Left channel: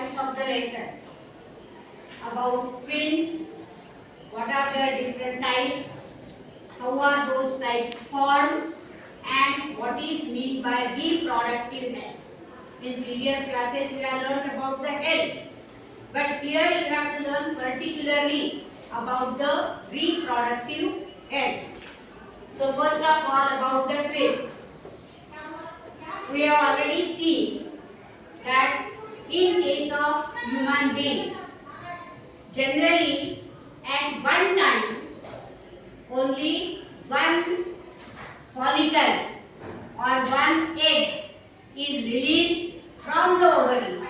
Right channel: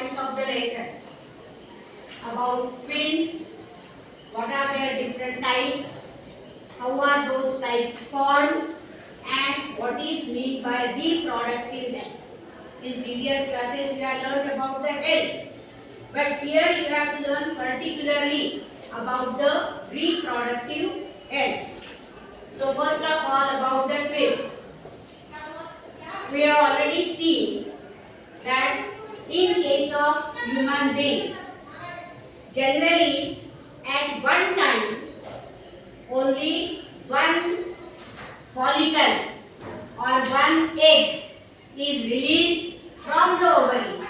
points of the lesson about twins, what are their different types, how are those types formed, and what is meant by reproductive health. In previous classes we have learned about the health, but here you have to learn particularly about the reproductive health. So first of all, about the twins. We have already seen that in case of human being, generally at one time only one follicle or one egg is released from the ovary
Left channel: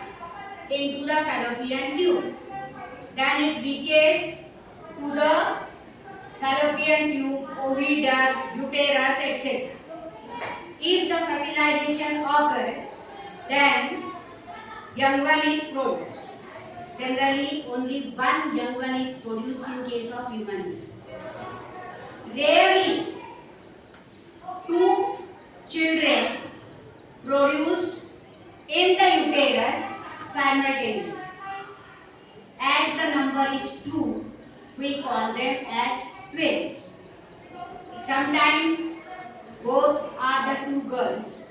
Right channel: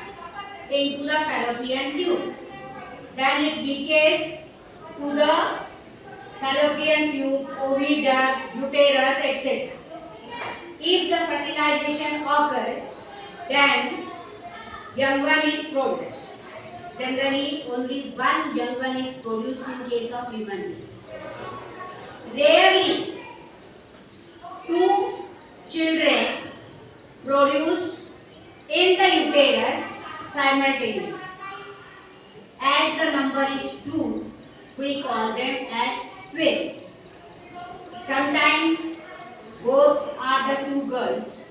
into the fallopian tube. Then it reaches to the fallopian tube, oviduct, uterus, etc. If the fertilization occurs, then young one is produced. Generally, only one young one is produced in case of human being. Rarely, two children produced in the uterus simultaneously. As the number is 2, we call them as twins. Sometimes both are the two girls.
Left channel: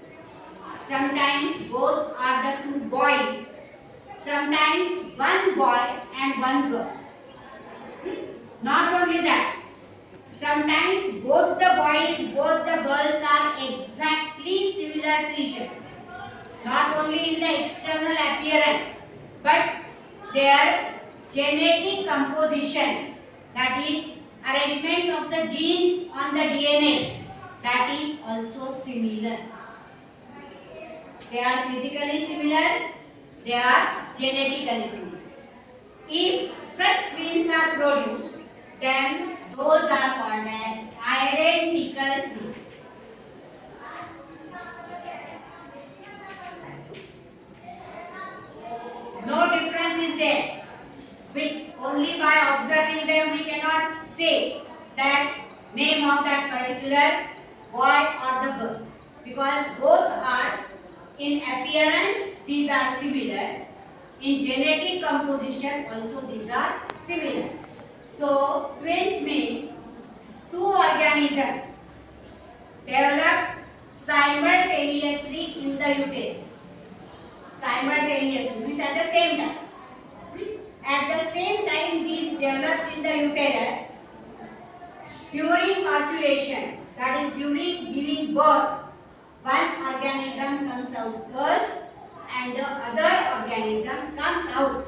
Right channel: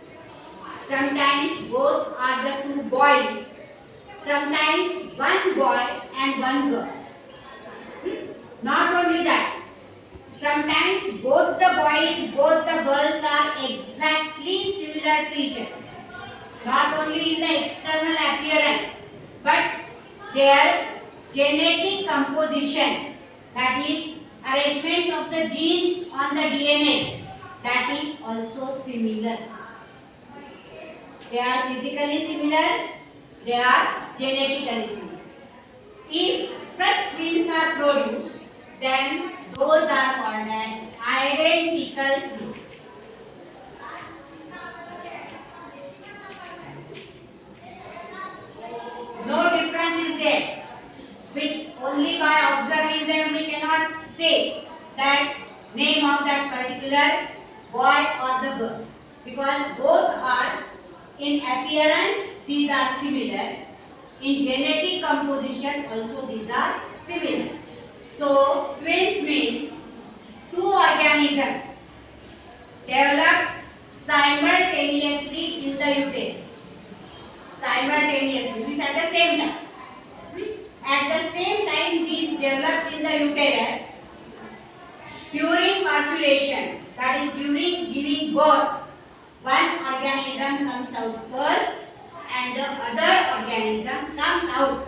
Sometimes both are the two boys. Sometimes one boy and one girl. Not only that, sometimes both the boys, both the girls are exactly similar to each other. Not only in the external appearance, but their genetic composition, that is arrangement of the genes on the DNA, that is also similar. They are physically similar, they are genetically similar. If such twins are produced, then those are called as identical twins. No difference is there. Only by observing them we cannot say that name of that particular boy or the girl, because both are in appearance these are similar, in genetic composition also these are similar. So twins means two organisms developed simultaneously in the uterus. Simultaneously means at the same time. At the same time these developed in the uterus during parturition, that is during giving birth. One organism comes out first and the other organism comes out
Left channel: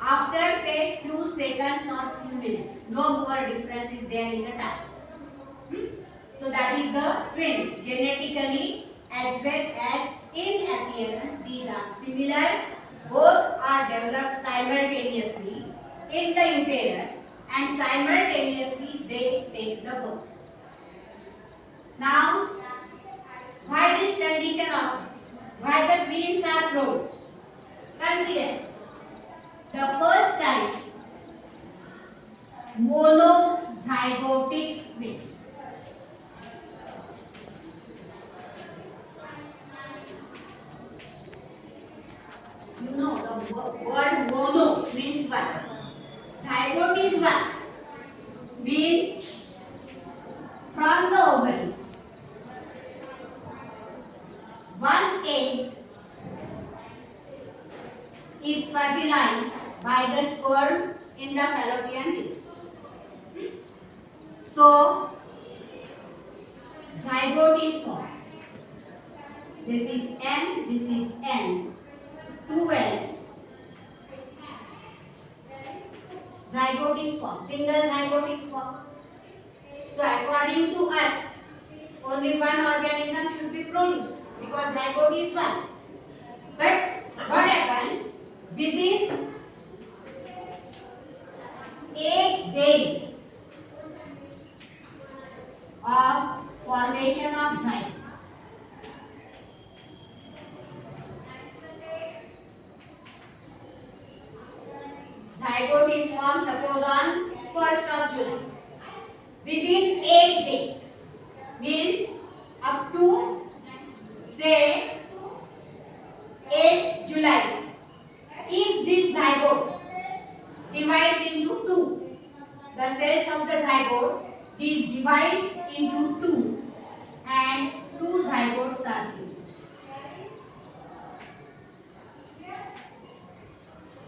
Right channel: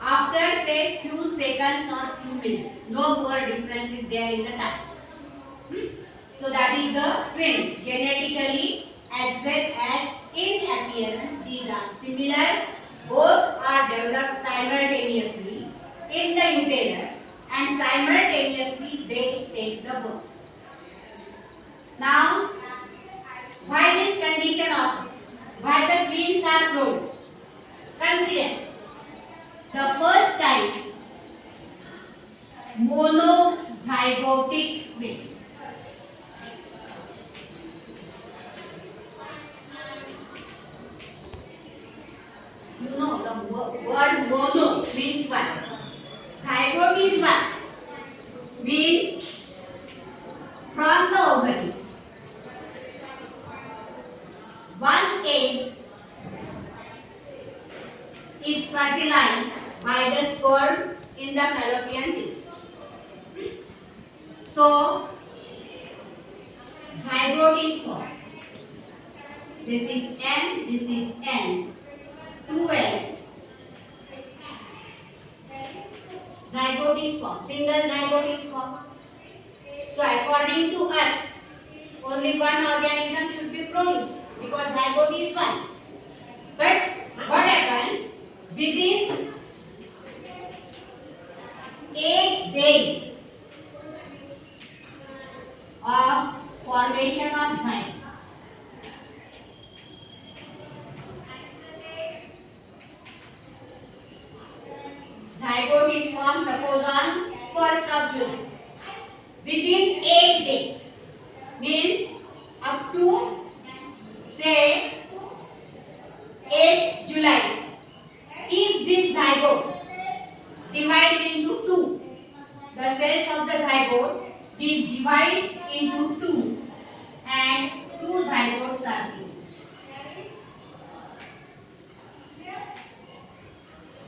after say few seconds or few minutes. No more difference is there in the time. So that is the twins. Genetically as well as in appearance these are similar. Both are developed simultaneously in the uterus and simultaneously they take the birth. Now, why this condition occurs? Why the twins are produced? Consider the first type, monozygotic twins. You know the word mono means one. Zygote is one. Means from the ovary. One egg is fertilized by the sperm in the fallopian tube. So, zygote is formed. This is N, this is N. 2N. Zygote is formed. Single zygote is formed. So, according to us, only one organism should be produced because zygote is one. But what happens? Within 8 days of formation of zygote, zygote is formed, suppose on 1st of July. Within 8 days means up to say 8 July. this zygote divides into two. The cells of the zygote, this divides into two and two zygotes are produced.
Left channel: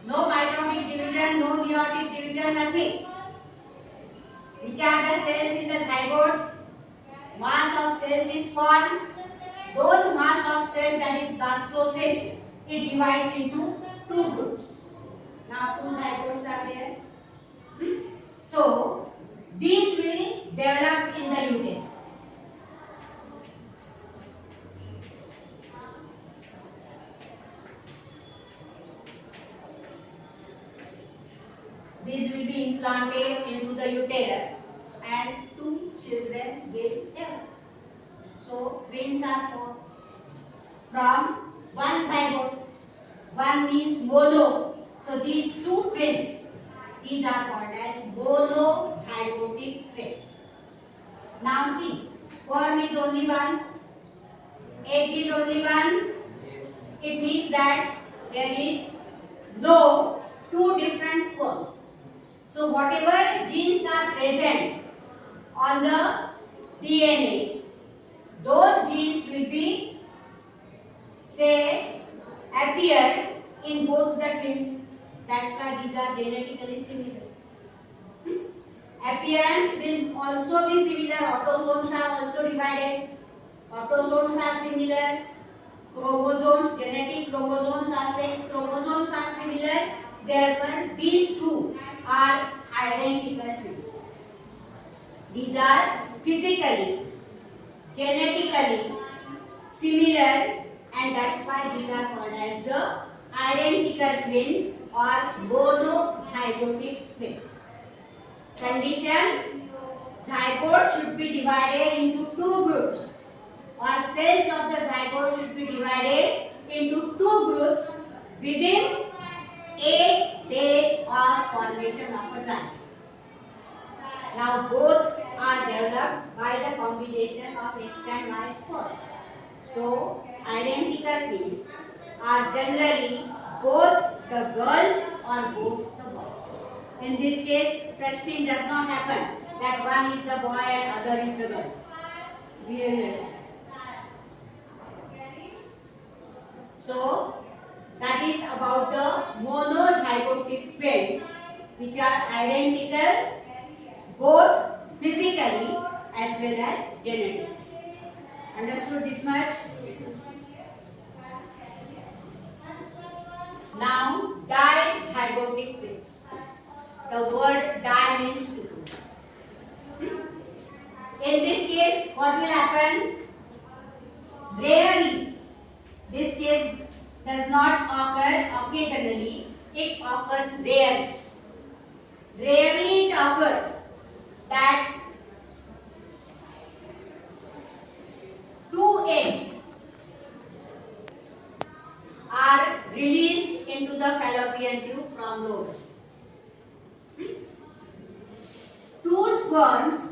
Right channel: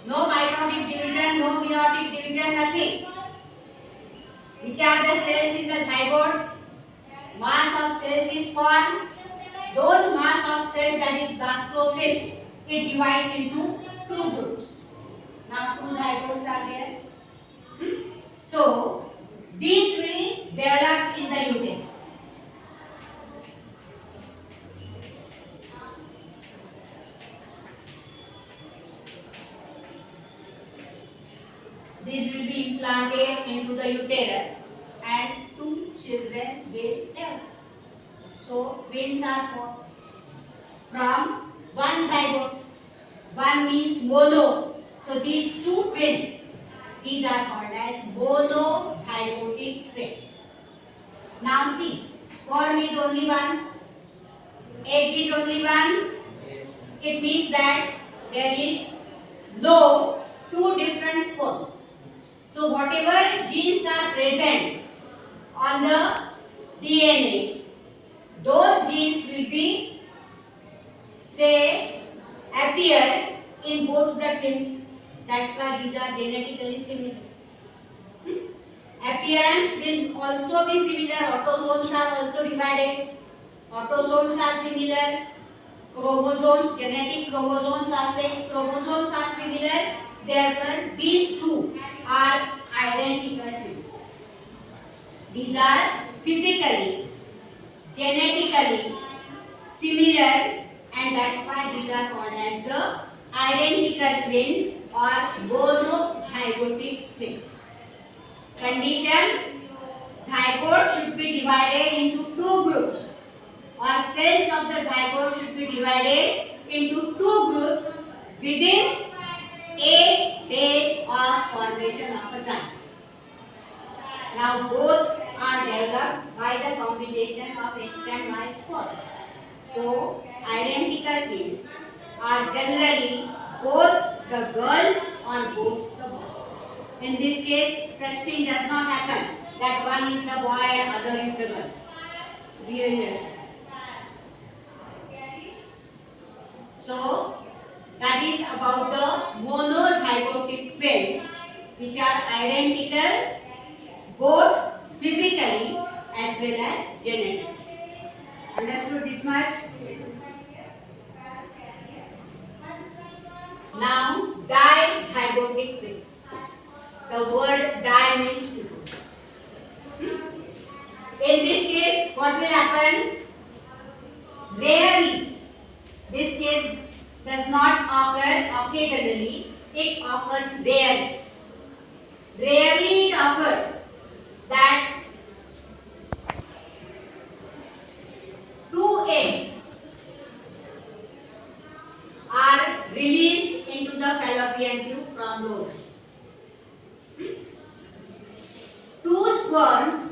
No mitotic division, no meiotic division, nothing. Which are the cells in the zygote? Mass of cells is formed. Those mass of cells, that is blastocyst, it divides into two groups. Now two zygotes are there. So these will develop in the uterus. This will be implanted into the uterus and two children will develop. So twins are formed from one zygote. One means mono. So these two twins, these are called as monozygotic twins. Now see, sperm is only one, egg is only one. It means that there is no two different sperms. So whatever genes are present on the DNA, those genes will be, say, appear in both the twins. That's why these are genetically similar. Appearance will also be similar. Autosomes are also divided. Autosomes are similar. Chromosomes, genetic chromosomes are sex chromosomes are similar. Therefore, these two are identical twins. These are physically, genetically similar, and that's why these are called as the identical twins or monozygotic twins. Condition: zygote should be divided into two groups, or cells of the zygote should be divided into two groups within 8 days of formation of a zygote. Now both are developed by the combination of X and Y sperm. So identical twins are generally both the girls or both the boys. In this case, such thing does not happen that one is the boy and other is the girl. Really. So that is about the monozygotic twins, which are identical both physically as well as genetically. Understood this much? Now, dizygotic twins. The word di means two. In this case, what will happen? Rarely. This case does not occur occasionally. It occurs rarely. Rarely it occurs that two eggs are released into the fallopian tube from the ovary. Two sperms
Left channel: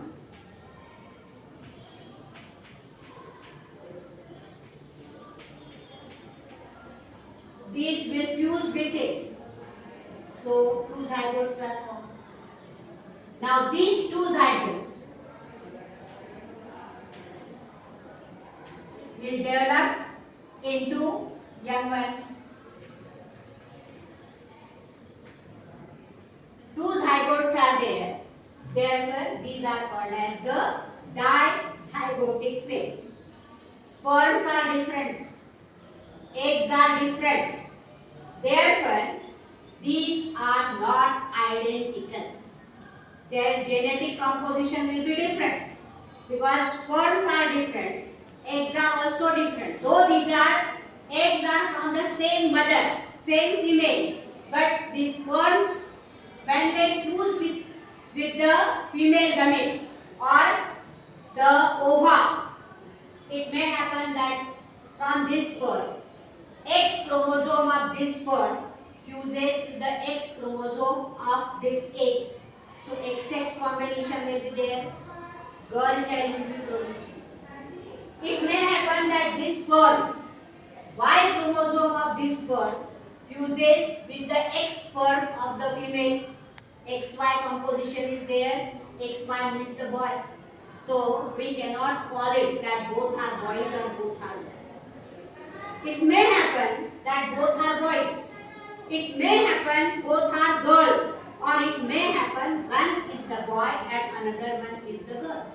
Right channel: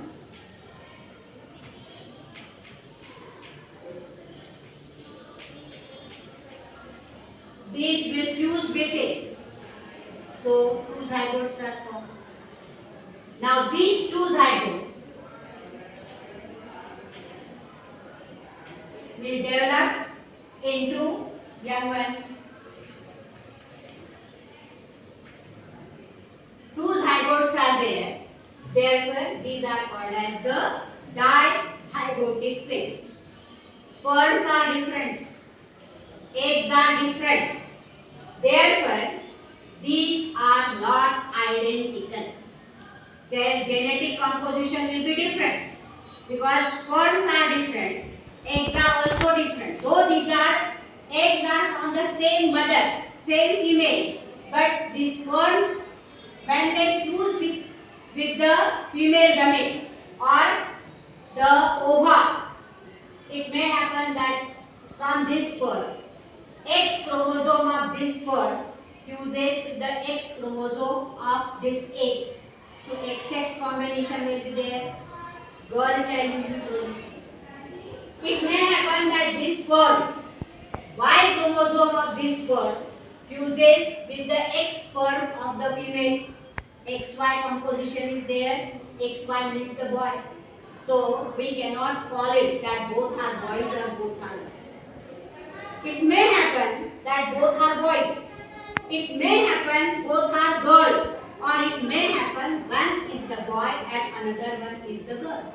these will fuse with it. So two zygotes are formed. Now these two zygotes will develop into young ones. Two zygotes are there. Therefore, these are called as the dizygotic twins. Sperms are different. Eggs are different. Therefore, these are not identical. Their genetic composition will be different because sperms are different. Eggs are also different. Though these are eggs are from the same mother, same female, but the sperms, when they fuse with the female gamete or the ova, it may happen that from this sperm, X chromosome of this sperm fuses with the X chromosome of this egg. So XX combination will be there. Girl child will be produced. It may happen that this sperm, Y chromosome of this sperm fuses with the X sperm of the female. XY composition is there. XY means the boy. So we cannot call it that both are boys or both are girls. It may happen that both are boys. It may happen both are girls. Or it may happen one is the boy and another one is the girl.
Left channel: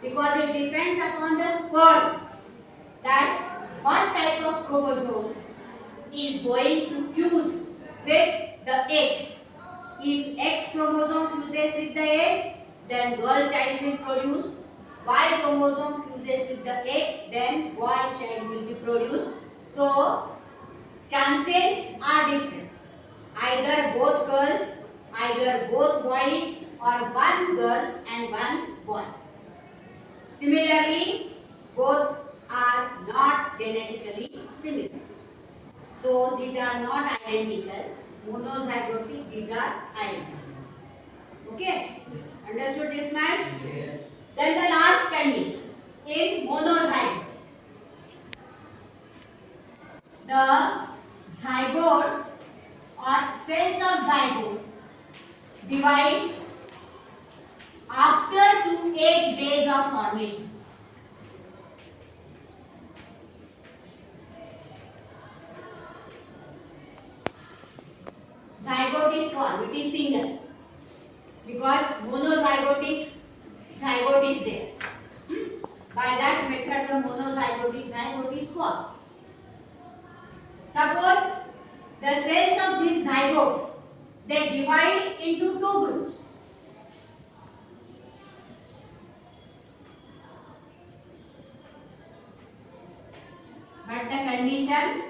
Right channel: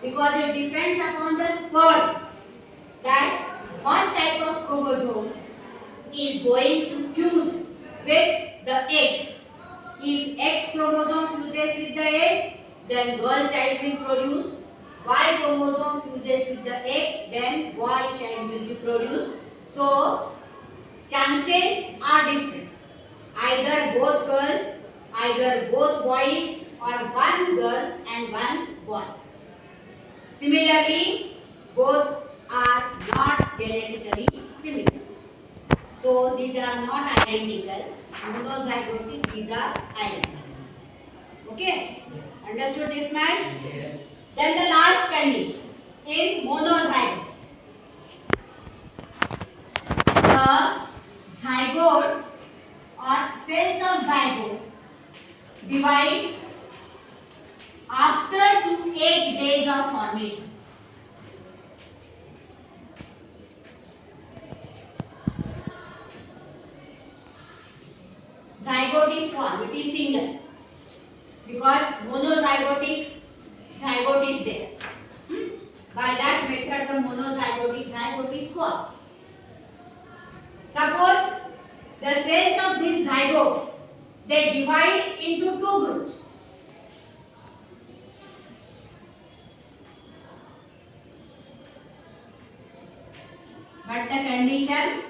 Because it depends upon the sperm that what type of chromosome is going to fuse with the egg. If X chromosome fuses with the egg, then girl child will produce. Y chromosome fuses with the egg, then boy child will be produced. So, chances are different. Either both girls, either both boys, or one girl and one boy. Similarly, both are not genetically similar. So, these are not identical. Monozygotic, these are identical. Okay? Understood this much? Yes. Then the last condition in monozygote. The zygote or cells of zygote divides after 2 to 8 days of formation. Zygote is formed, it is single because monozygotic zygote is there. By that method, the monozygotic zygote is formed. Suppose the cells of this zygote, they divide into 2 groups. But the condition,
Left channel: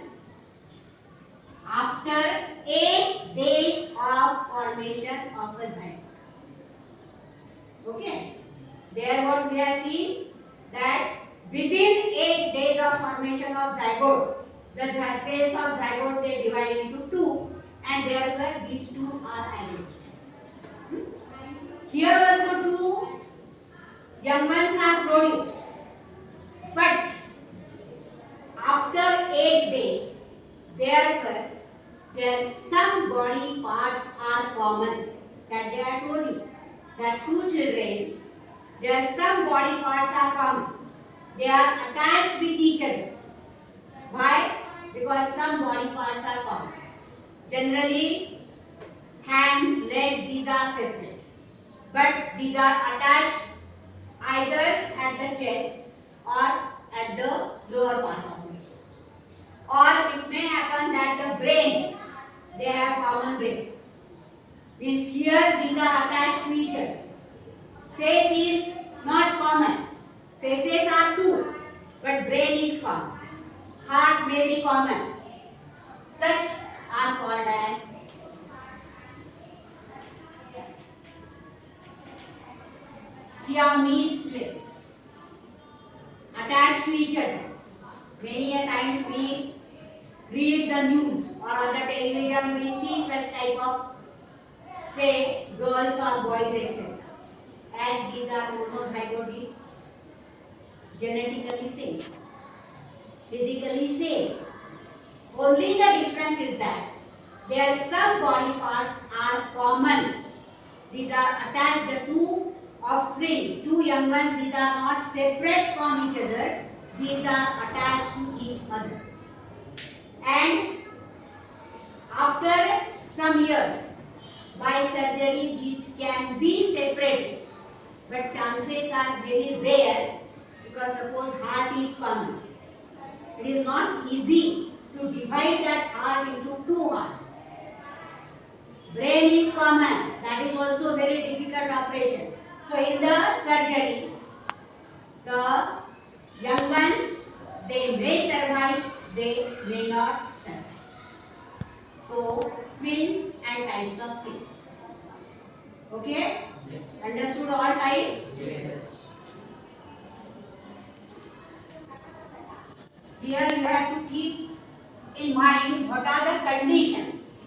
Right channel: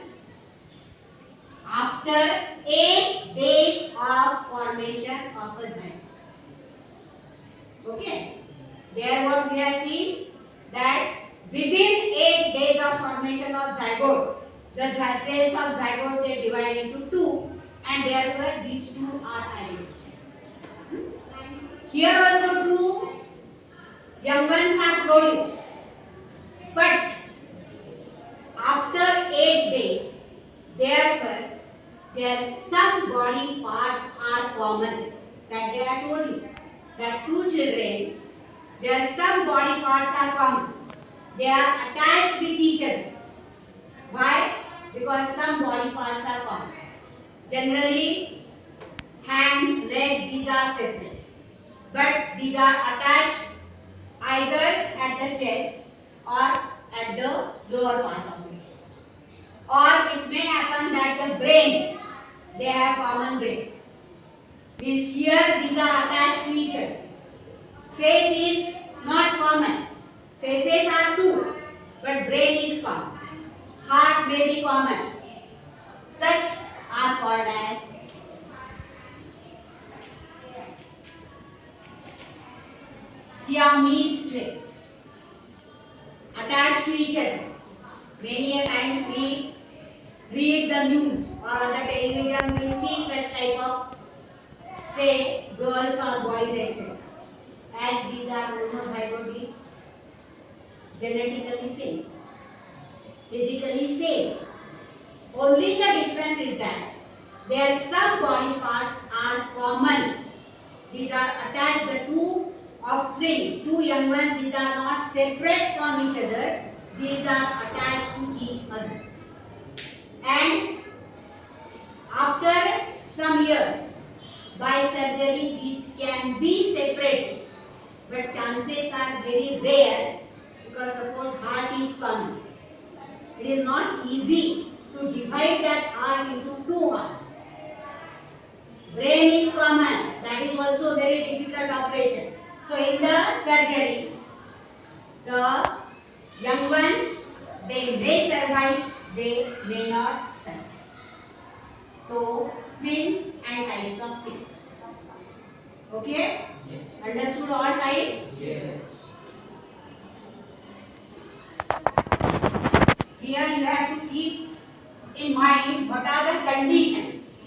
after 8 days of formation of a zygote. Okay. There what we have seen that within 8 days of formation of zygote, the cells of zygote they divide into 2 and therefore these 2 are identical. Here also 2 young ones are produced. But after 8 days, therefore their some body parts are common. That they are told you that 2 children, their some body parts are common. They are attached with each other. Why? Because some body parts are common. Generally, hands, legs, these are separate. But these are attached either at the chest or at the lower part of the chest. Or it may happen that the brain, they have common brain. Means here these are attached to each other. Face is not common. Faces are 2, but brain is common. Heart may be common. Such are called as Siamese twins. Attached to each other. Many a times we read the news or on the television we see such type of, say, girls or boys, etc. As these are monozygotic, genetically same, physically same. Only the difference is that their some body parts are common. These are attached, the 2 offsprings, 2 young ones, these are not separate from each other. These are attached to each other. And after some years, by surgery, these can be separated. But chances are very rare because suppose heart is common. It is not easy to divide that heart into 2 hearts. Brain is common. That is also a very difficult operation. So in the surgery, the young ones, they may survive, they may not survive. So twins and types of twins. Okay? Yes. Understood all types? Yes. Here you have to keep in mind what are the conditions.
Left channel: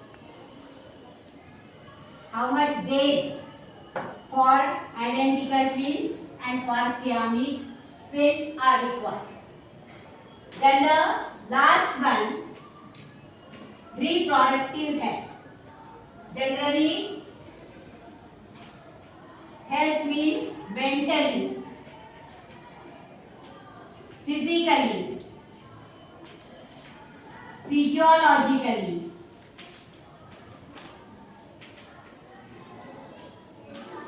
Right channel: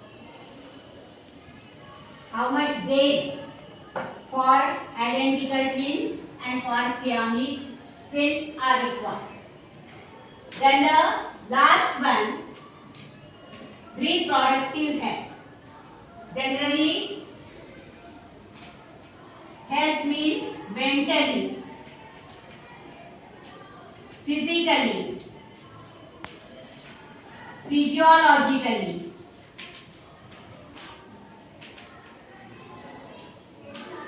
How much days for identical twins and for Siamese twins are required. Then the last one, reproductive health. Generally, health means mentally, physically, physiologically,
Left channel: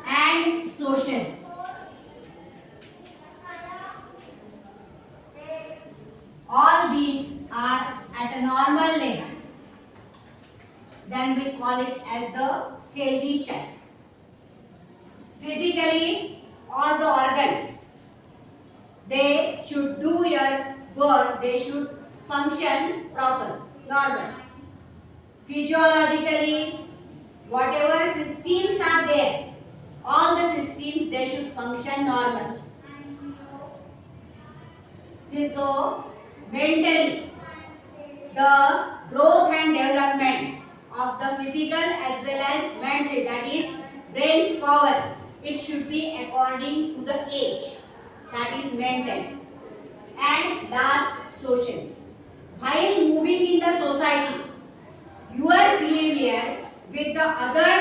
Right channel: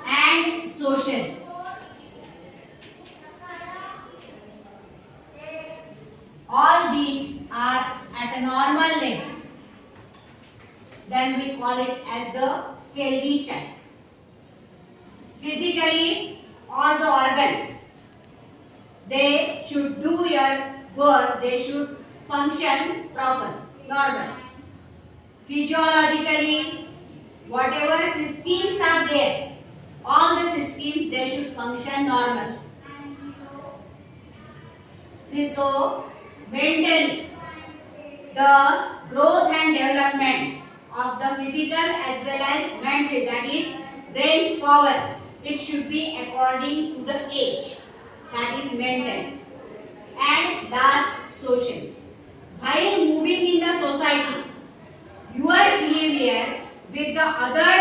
and socially. All these are at a normal level. Then we call it as the healthy child. Physically, all the organs, they should do your work, they should function proper, normal. Physiologically, whatever systems are there, all the systems, they should function normal. So, mentally, the growth and development of the physical as well as mental, that is brain's power, it should be according to the age, that is mental. And last, social. While moving in the society, your behavior with the other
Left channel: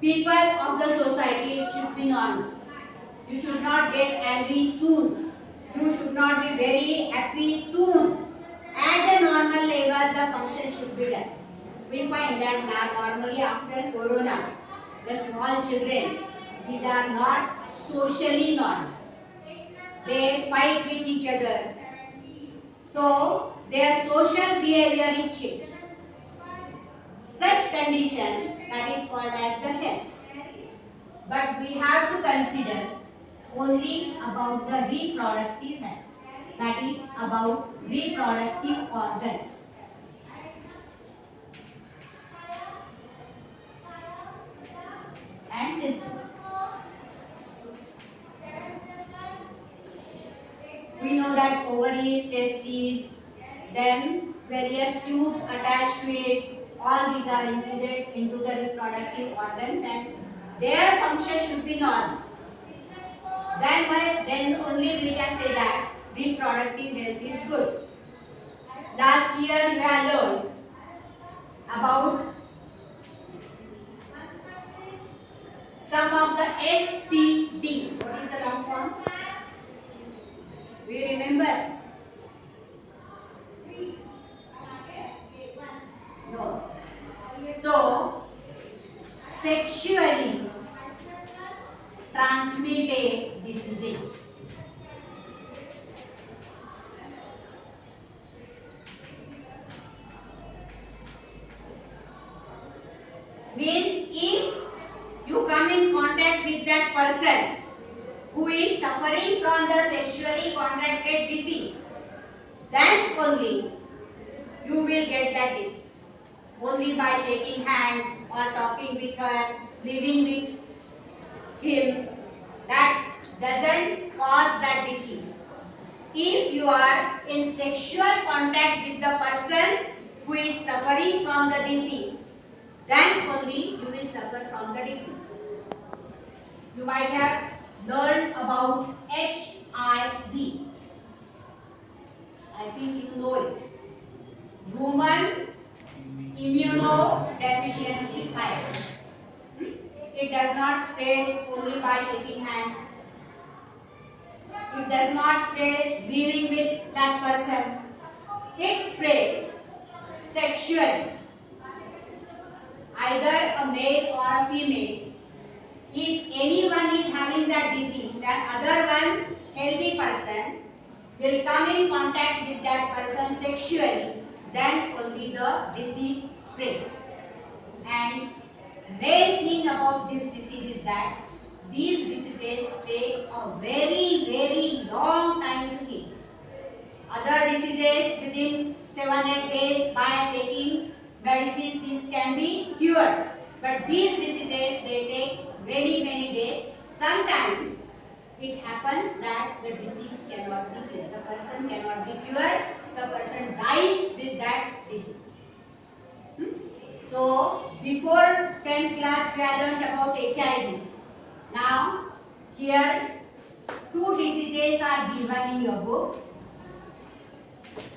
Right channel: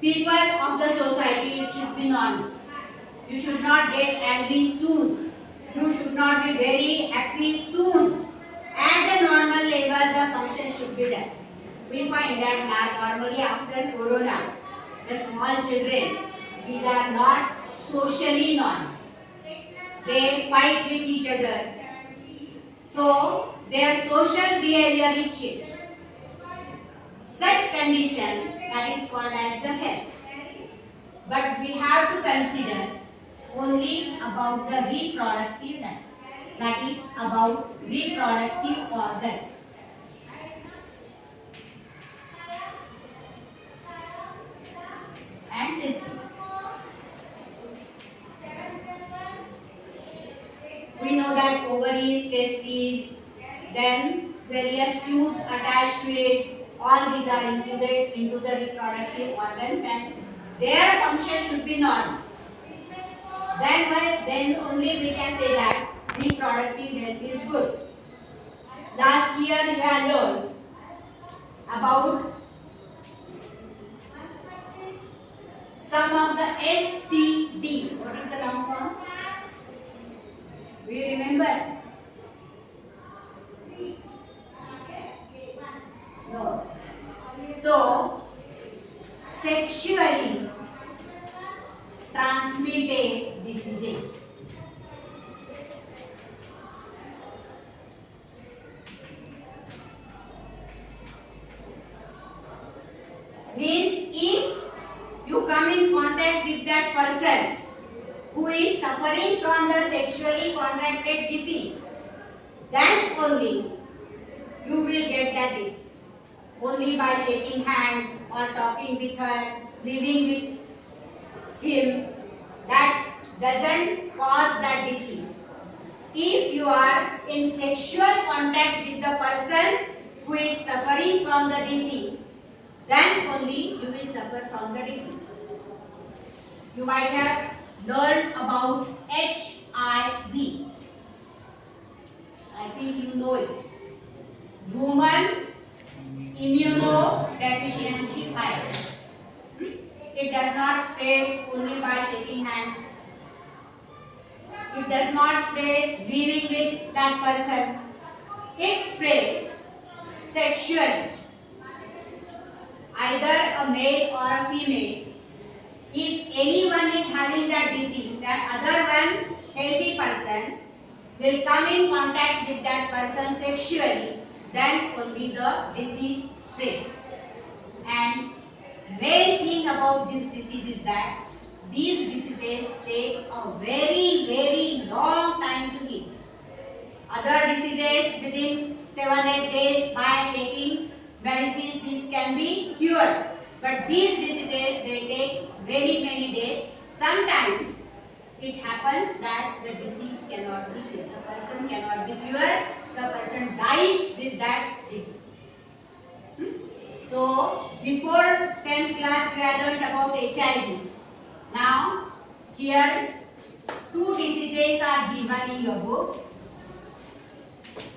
people of the society, it should be normal. You should not get angry soon. You should not be very happy soon. At the normal level, the function should be done. We find that normally after Corona, the small children, these are not socially normal. They fight with each other. So, their social behavior is changed. Such condition, that is called as the health. But we have to consider only about the reproductive health, that is about reproductive organs. And system. We know that ovaries, testes, then various tubes attached to it, all these are included into the reproductive organs and their function should be normal. Then only we can say that reproductive health is good. Last year you have learned about some of the STD. What is the long form? We remember? No. So, sexually transmitted diseases. Means if you come in contact with that person who is suffering from the sexually contracted disease, then only you will get that disease. Only by shaking hands or talking with her, living with him, that doesn't cause that disease. If you are in sexual contact with the person who is suffering from the disease, then only you will suffer from the disease. You might have learned about HIV. I think you know it. Human immunodeficiency virus. It does not spread only by shaking hands. It does not spread being with that person. It spreads sexually. Either a male or a female. If anyone is having that disease and other one healthy person will come in contact with that person sexually, then only the disease spreads. And main thing about this disease is that these diseases take a very long time to heal. Other diseases within 7-8 days by taking medicines these can be cured. But these diseases, they take many days. Sometimes it happens that the disease cannot be cured. The person cannot be cured. The person dies with that disease. So, before 10th class we have learned about HIV. Now, here 2 diseases are given in your book.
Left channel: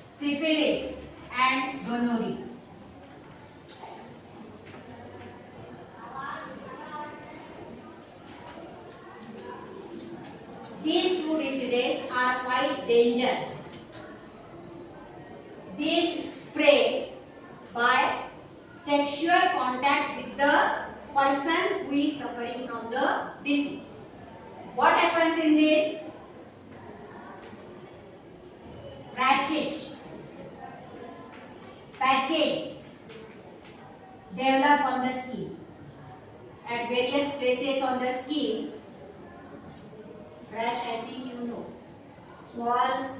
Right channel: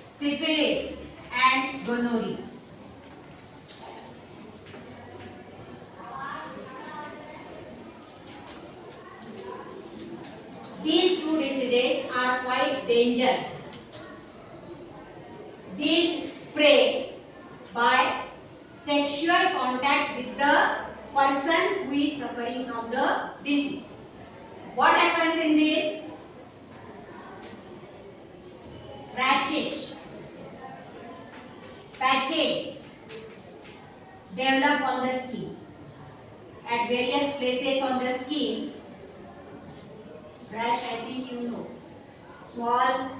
Syphilis and gonorrhea. These two diseases are quite dangerous. These spread by sexual contact with the person who is suffering from the disease. What happens in this? Rashes, patches develop on the skin. At various places on the skin, rash, I think you know, small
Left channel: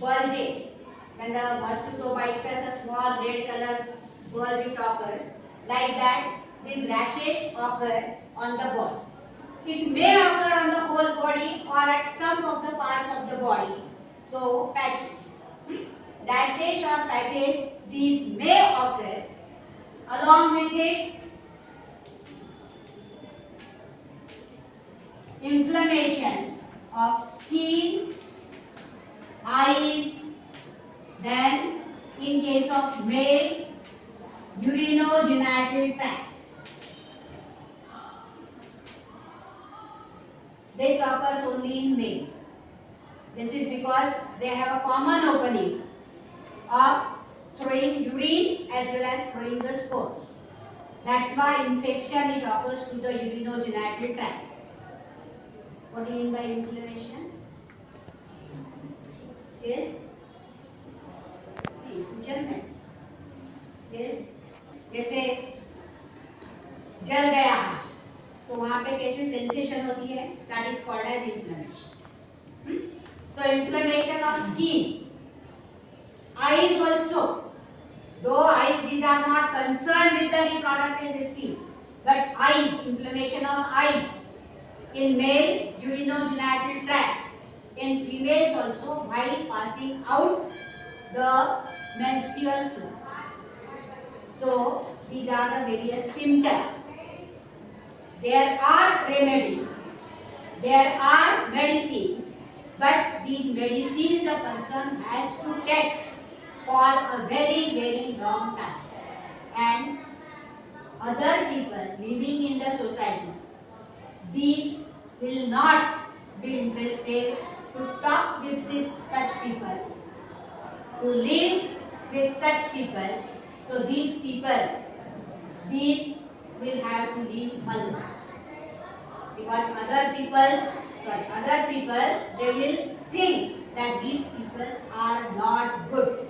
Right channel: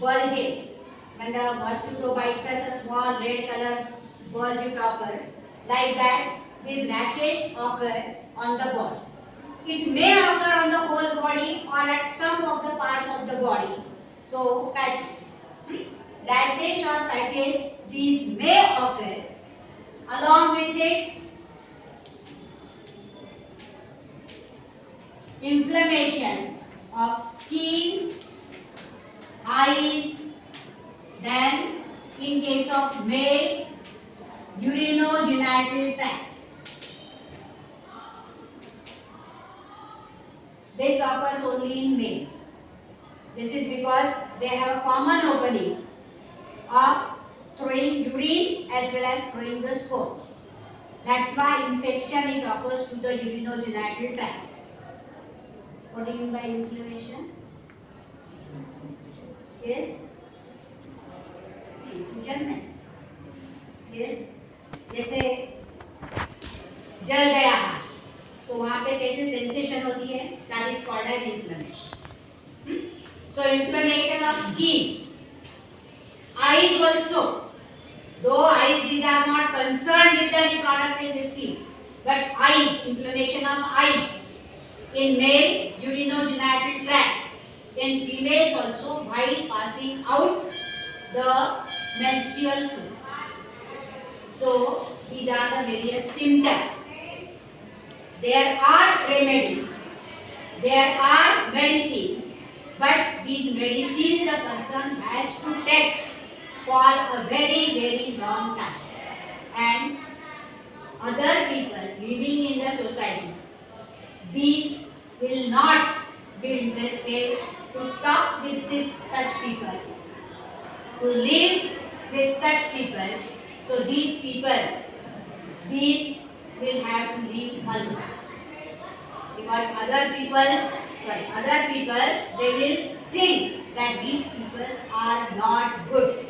bulges. When the mosquito bites us, a small red color bulge occurs. Like that, these rashes occur on the body. It may occur on the whole body or at some of the parts of the body. So, patches. Rashes or patches, these may occur. Along with it, inflammation of skin, eyes, then in case of male, urinogenital tract. This occurs only in male. This is because they have a common opening of throwing urine as well as throwing the spores. That's why infection it occurs to the urinogenital tract. What do you mean by inflammation? Yes? सूजन है. Yes? जैसे जल गया है तो वहाँ पे कैसे सेंसेशन होती है? That is called as inflammation. So inflammation of skin, eyes also. Though eyes, these are not concerned with the reproductive system, but eyes, inflammation of eyes in male, urinogenital tract, in females also while passing out the menstrual flow. So these are the various symptoms. There are remedies, there are medicines, but these medicines the person has to take for a very long time. And other people living in the society, these will not be interested to talk with such people, to live with such people. So these people, these will have to live alone. Because other people, they will think that these people are not good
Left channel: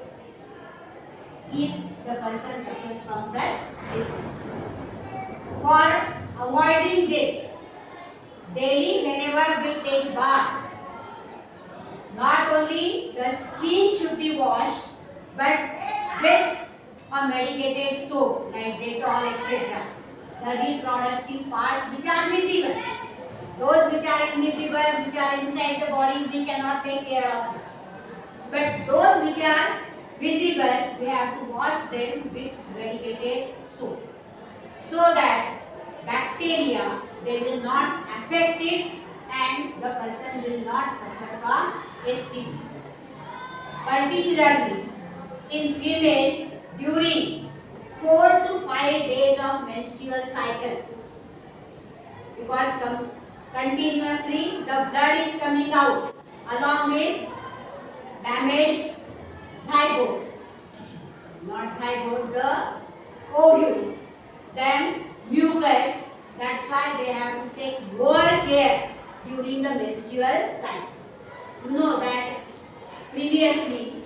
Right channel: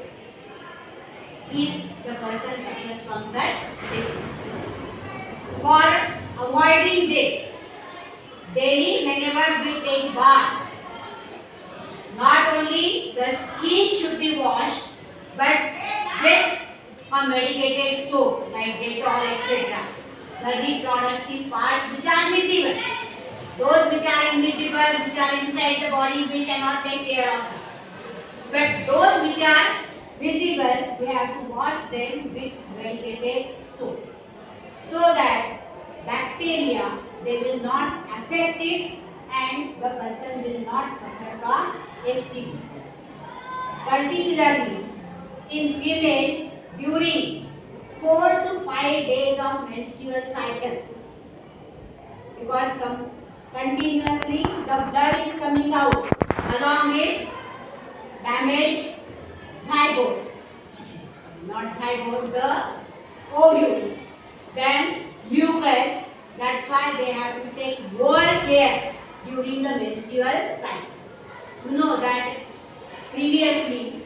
if the person suffers from such disease. For avoiding this, daily whenever we take bath, not only the skin should be washed, but with a medicated soap like Dettol, etc. The reproductive parts which are visible, those which are invisible, which are inside the body, we cannot take care of them. But those which are visible, we have to wash them with medicated soap, so that bacteria, they will not affect it and the person will not suffer from STDs. Particularly in females during 4 to 5 days of menstrual cycle, because continuously the blood is coming out along with damaged zygote, not zygote, the ovule, then mucus. That's why they have to take more care during the menstrual cycle. You know that previously,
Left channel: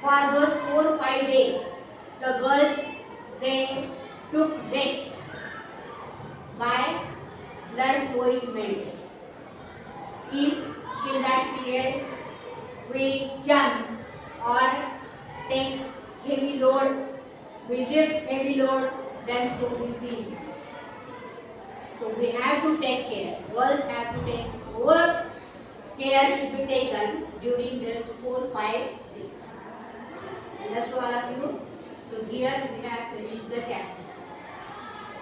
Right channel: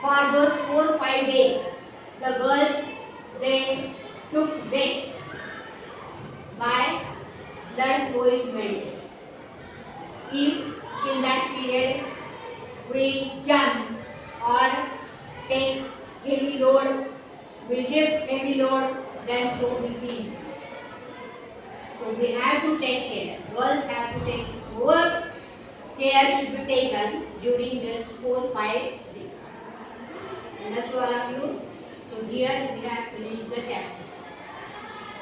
for those 4-5 days, the girls, they took rest by blood flow is maintained. If in that period we jump or take heavy load, we lift heavy load, then flow will be increased. So we have to take care. Girls have to take more care should be taken during these 4-5 days. Understood all of you? So here we have finished the chapter.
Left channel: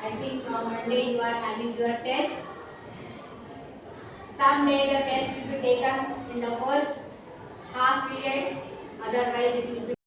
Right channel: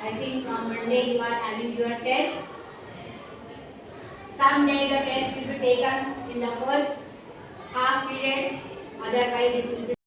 I think from Monday you are having your test. Someday the test will be taken in the first half period. otherwise it will be